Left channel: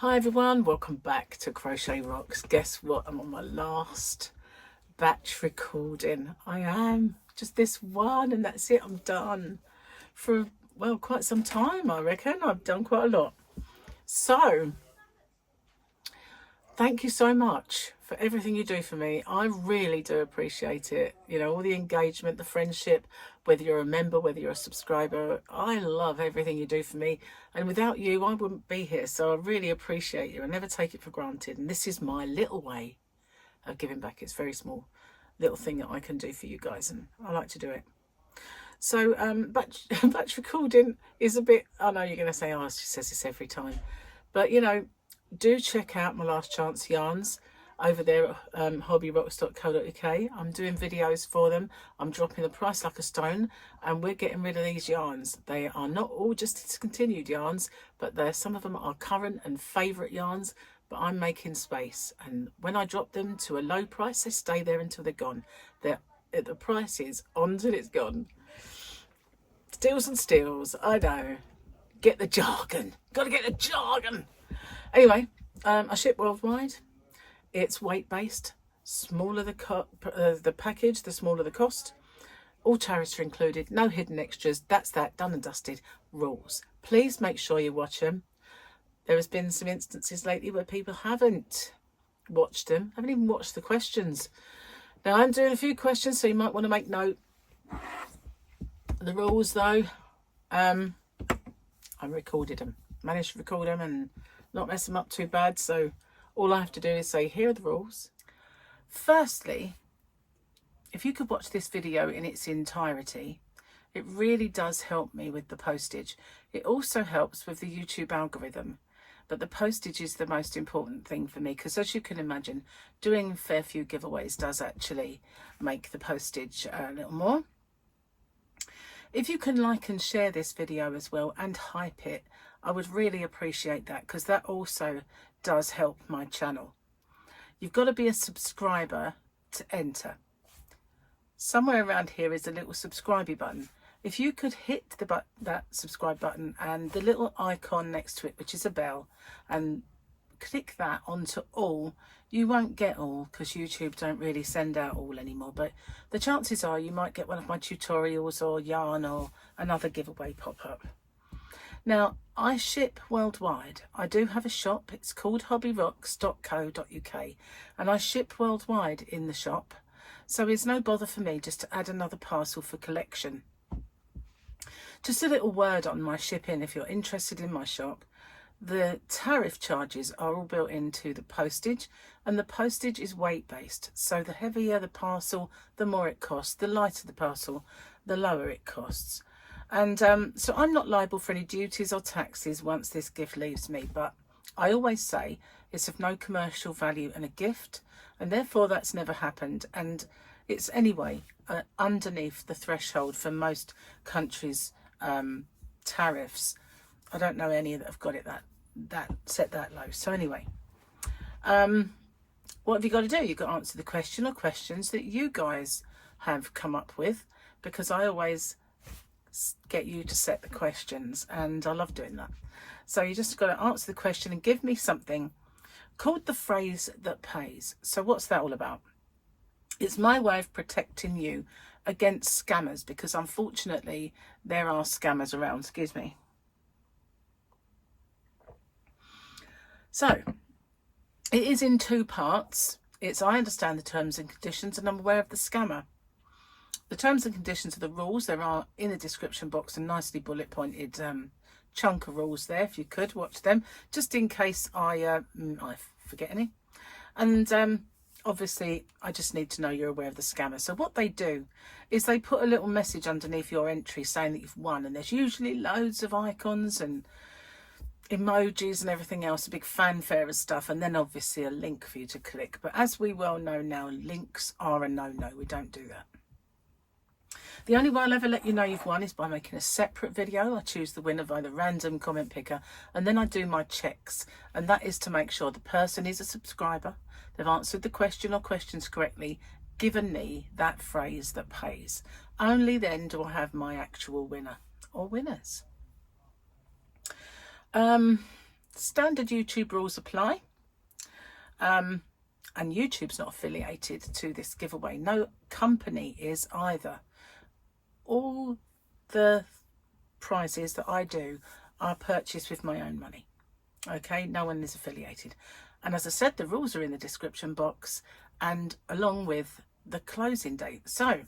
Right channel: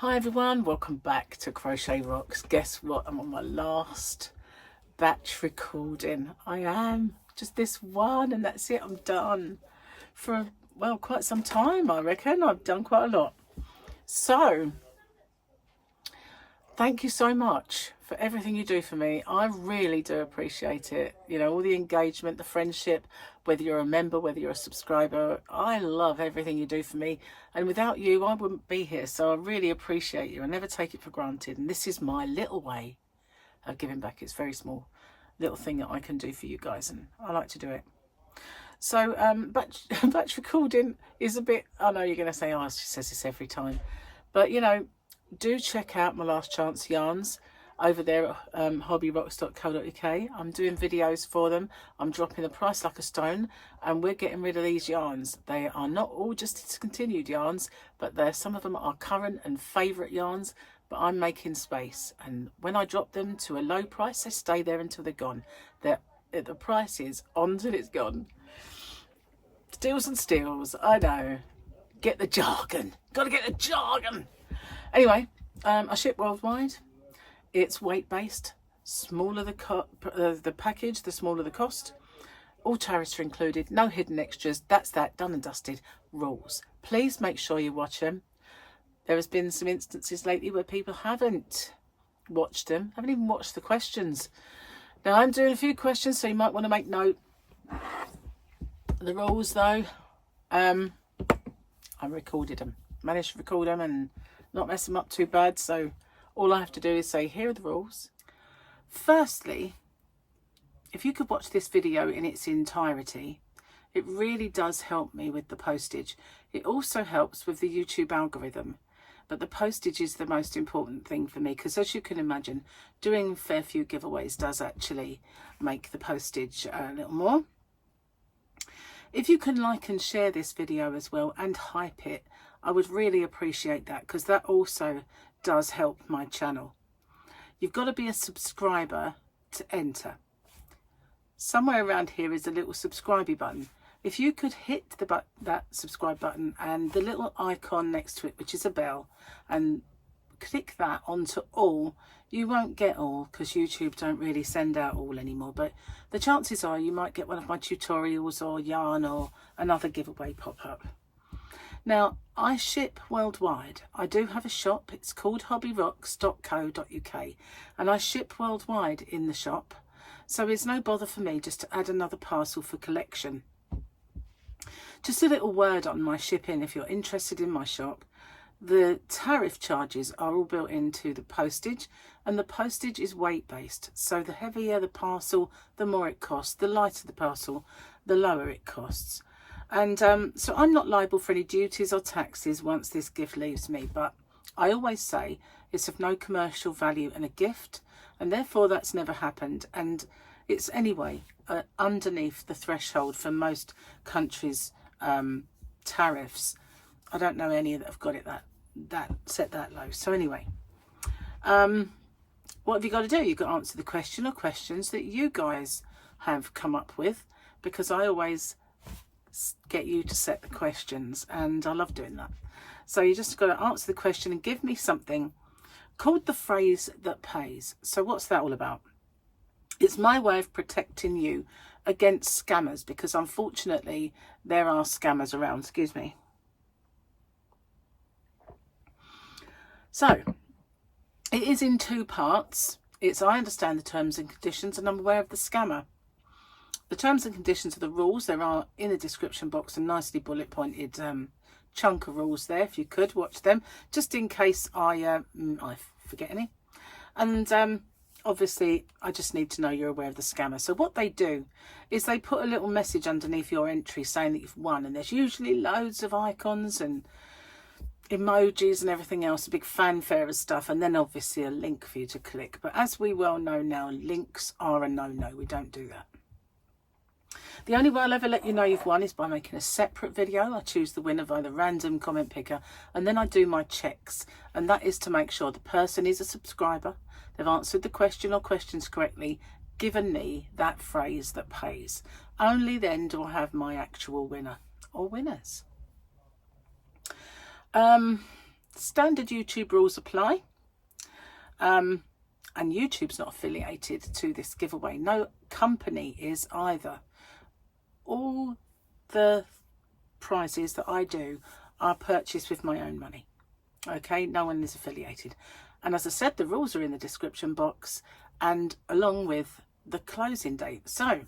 Hi everyone, welcome back to Crochet Rocks. Guess what? I'm on my last batch recording. I am just this one and that's it. I'm done for, well, quite some time, I reckon. I've done quite a lot. So, thank you so much for everything you do for me. I really do appreciate it. You know, all the engagement, the friendship, whether you're a member, whether you're a subscriber. I love everything you do for me. And without you, I wouldn't be here. So I really appreciate you. I never take it for granted. And this is my little way of giving back. It's a very small little thing that I can do for you guys. And I like to do it. So batch recording is a bit, I know you're going to say, oh, she says this every time. But, you know, do check out my last chance yarns over there at hobbyrocks.co.uk. I'm doing videos for them. I'm dropping the price like a stone and we're getting rid of these yarns. They are not all just discontinued yarns, but some of them are current and favourite yarns, but I'm making space. And when I drop them to a low price, they stay there until they're gone. The price is on till it's gone. Steals and steals, I know. Get the jargon. Got to get the jargon. Anyway, I ship worldwide. It's weight-based. Smaller the package, the smaller the cost. All tariffs are included. No hidden extras. That's that. Done and dusted. Rules. Please make sure you watch them. There has been some instances lately where people haven't watched them. Haven't even watched the questions. Now, I'm doing a few questions, so you might want to make note. The rules, though, I recorded them. Managed to record them and not mess them up too bad. So all I have to do is say, here are the rules. Firstly, if you could watch this video in its entirety, it really does help me with the postage. It also helps with the YouTube algorithm. But the postage is the most important thing for me because, as you can imagine, doing a fair few giveaways does actually make the postage a little more. If you can like and share this video as well and hype it, I would really appreciate that because that also does help my channel. You've got to be a subscriber to enter. Somewhere around here is a little subscribe button. If you could hit that subscribe button and the little icon next to it, which is a bell, and click that onto all, you won't get all because YouTube don't really send out all anymore, but the chances are you might get one of my tutorials or yarn or another giveaway pop up. Now, I ship worldwide. I do have a shop. It's called hobbyrocks.co.uk and I ship worldwide in the shop, so it's no bother for me just to add another parcel for collection. Just a little word on my shipping if you're interested in my shop. The tariff charges are all built into the postage, and the postage is weight based. So the heavier the parcel, the more it costs. The lighter the parcel, the lower it costs. And so I'm not liable for any duties or taxes once this gift leaves me. But I always say it's of no commercial value and a gift, and therefore that's never happened. And it's anyway underneath the threshold for most countries' tariffs. I don't know any that have got it that set that low. So anyway, what have you got to do? You've got to answer the question or questions that you guys have come up with, because I always get you to set the questions and I love doing that. So you just got to answer the question and give me something called the phrase that pays. So what's that all about? It's my way of protecting you against scammers, because unfortunately there are scammers around. Excuse me. So it is in two parts. It's I understand the terms and conditions and I'm aware of the scammer. The terms and conditions are the rules. There are in the description box a nicely bullet pointed chunk of rules there. If you could watch them, just in case I forget any. And obviously I just need to know you're aware of the scammer. So what they do is they put a little message underneath your entry saying that you've won, and there's usually loads of icons and emojis and everything else, a big fanfare of stuff, and then obviously a link for you to click. But as we well know now, links are a no-no. We don't do that. The only way I'll ever let you know you've won is by making a separate video. I choose the winner by the random comment picker, and then I do my checks, and that is to make sure the person is a subscriber, they've answered the question or questions correctly, given me that phrase that pays. Only then do I have my actual winner or winners. Standard YouTube rules apply. And YouTube's not affiliated to this giveaway. No company is either. All the prizes that I do are purchased with my own money. Okay, no one is affiliated. And as I said, the rules are in the description box and along with the closing date. So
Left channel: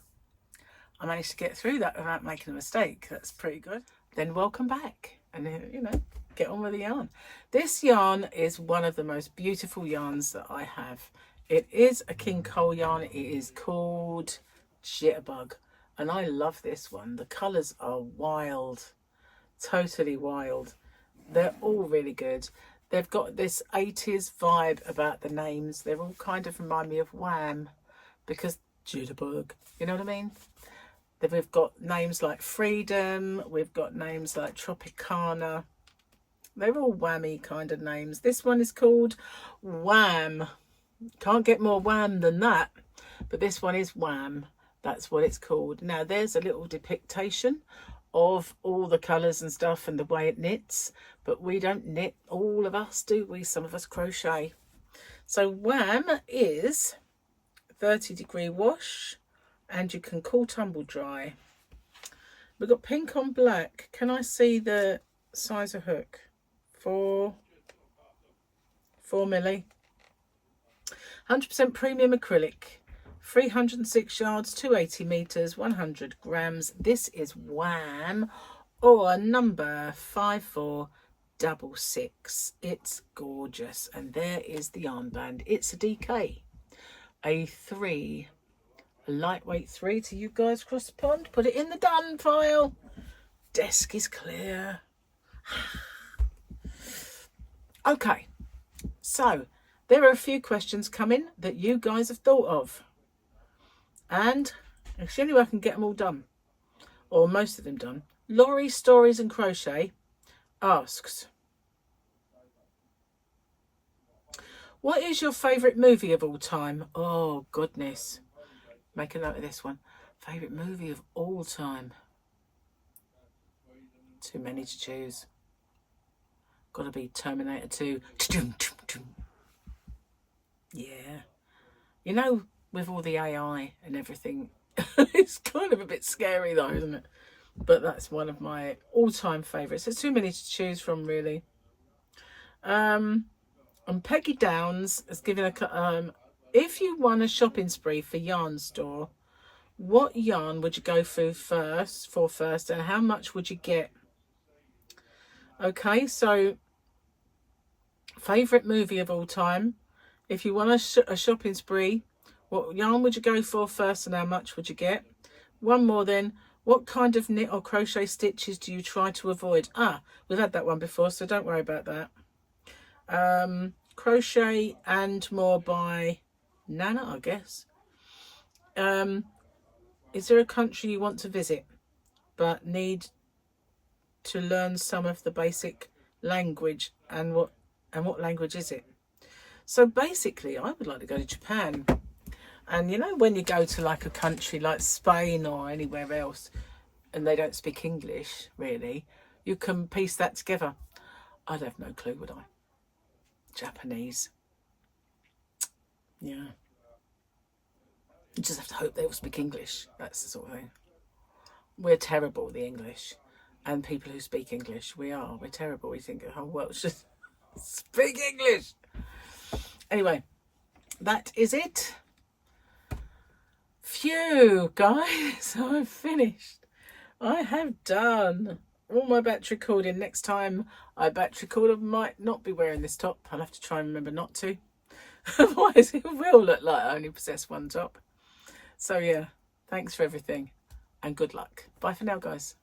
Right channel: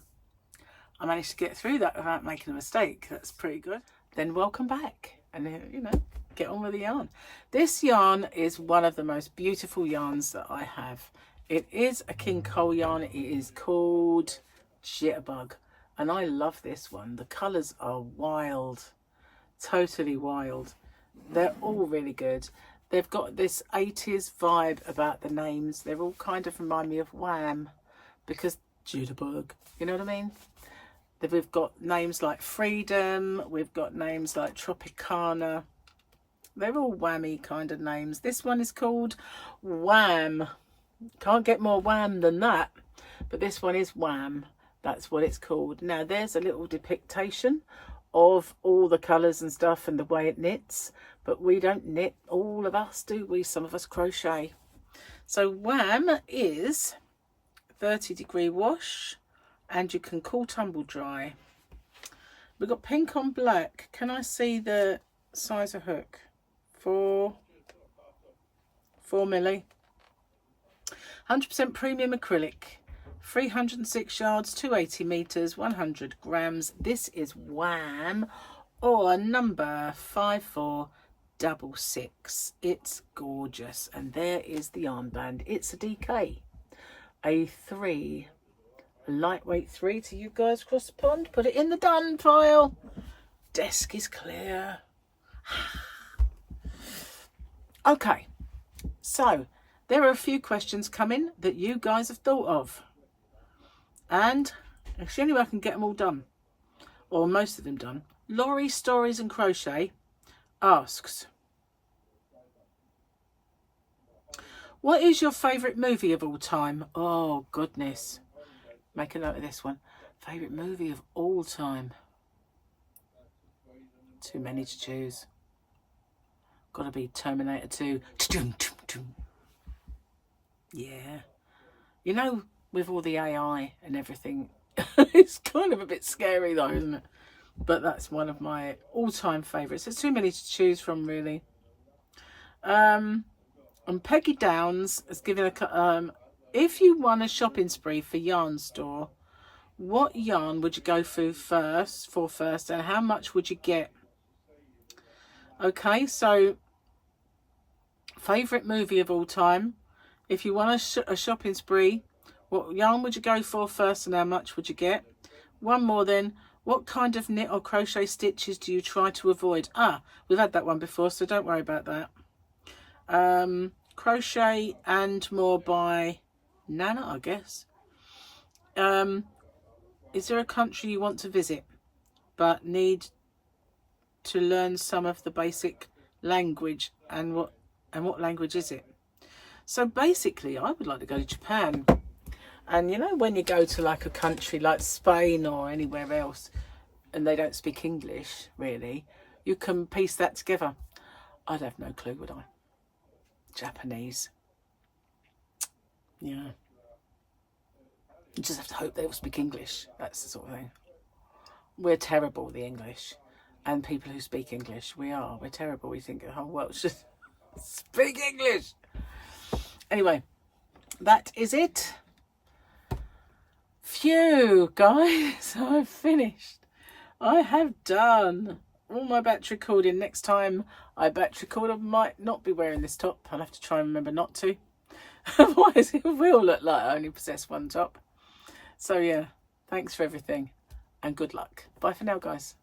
I managed to get through that without making a mistake. That's pretty good. Then welcome back and, you know, get on with the yarn. This yarn is one of the most beautiful yarns that I have. It is a King Cole yarn. It is called Jitterbug, and I love this one. The colours are wild, totally wild. They're all really good. They've got this 80s vibe about the names. They're all kind of remind me of Wham, because Jitterbug, you know what I mean? We've got names like Freedom. We've got names like Tropicana. They're all whammy kind of names. This one is called Wham. Can't get more wham than that. But this one is Wham. That's what it's called. Now, there's a little depiction of all the colours and stuff and the way it knits. But we don't knit, all of us, do we? Some of us crochet. So Wham is 30-degree wash. And you can cool tumble dry. We've got pink on black. Can I see the size of hook? 4 milli. 100% premium acrylic. 306 yards, 280 meters, 100 grams. This is Wham, or number 5466. It's gorgeous. And there is the armband. It's a DK. A 3. A lightweight 3 to you guys across the pond. Put it in the done pile. Desk is clear. Okay, so there are a few questions coming that you guys have thought of, and if the only way I can get them all done, or most of them done. Laurie Stories and Crochet asks, what is your favourite movie of all time? Oh goodness. Make a note of this one. Favourite movie of all time? Too many to choose. Got to be Terminator 2. Yeah. You know, with all the AI and everything, it's kind of a bit scary though, isn't it? But that's one of my all-time favourites. There's too many to choose from, really. And Peggy Downs has given a... if you won a shopping spree for yarn store, what yarn would you go for first, and how much would you get? Okay, so favourite movie of all time. If you won a shopping spree, what yarn would you go for first, and how much would you get? One more then. What kind of knit or crochet stitches do you try to avoid? We've had that one before, so don't worry about that. Crochet and More by Nana, I guess. Is there a country you want to visit but need to learn some of the basic language, and what language is it? So basically I would like to go to Japan. And you know, when you go to like a country like Spain or anywhere else and they don't speak English really, you can piece that together. I'd have no clue, would I? Japanese. Yeah. You just have to hope they all speak English. That's the sort of thing. We're terrible, the English. And people who speak English, we're terrible. We think the whole world should speak English. Anyway, that is it. Phew, guys, I've finished. I have done all my batch recording. Next time I batch record, I might not be wearing this top. I'll have to try and remember not to. Otherwise it will look like I only possess one top. So yeah, thanks for everything and good luck. Bye for now, guys.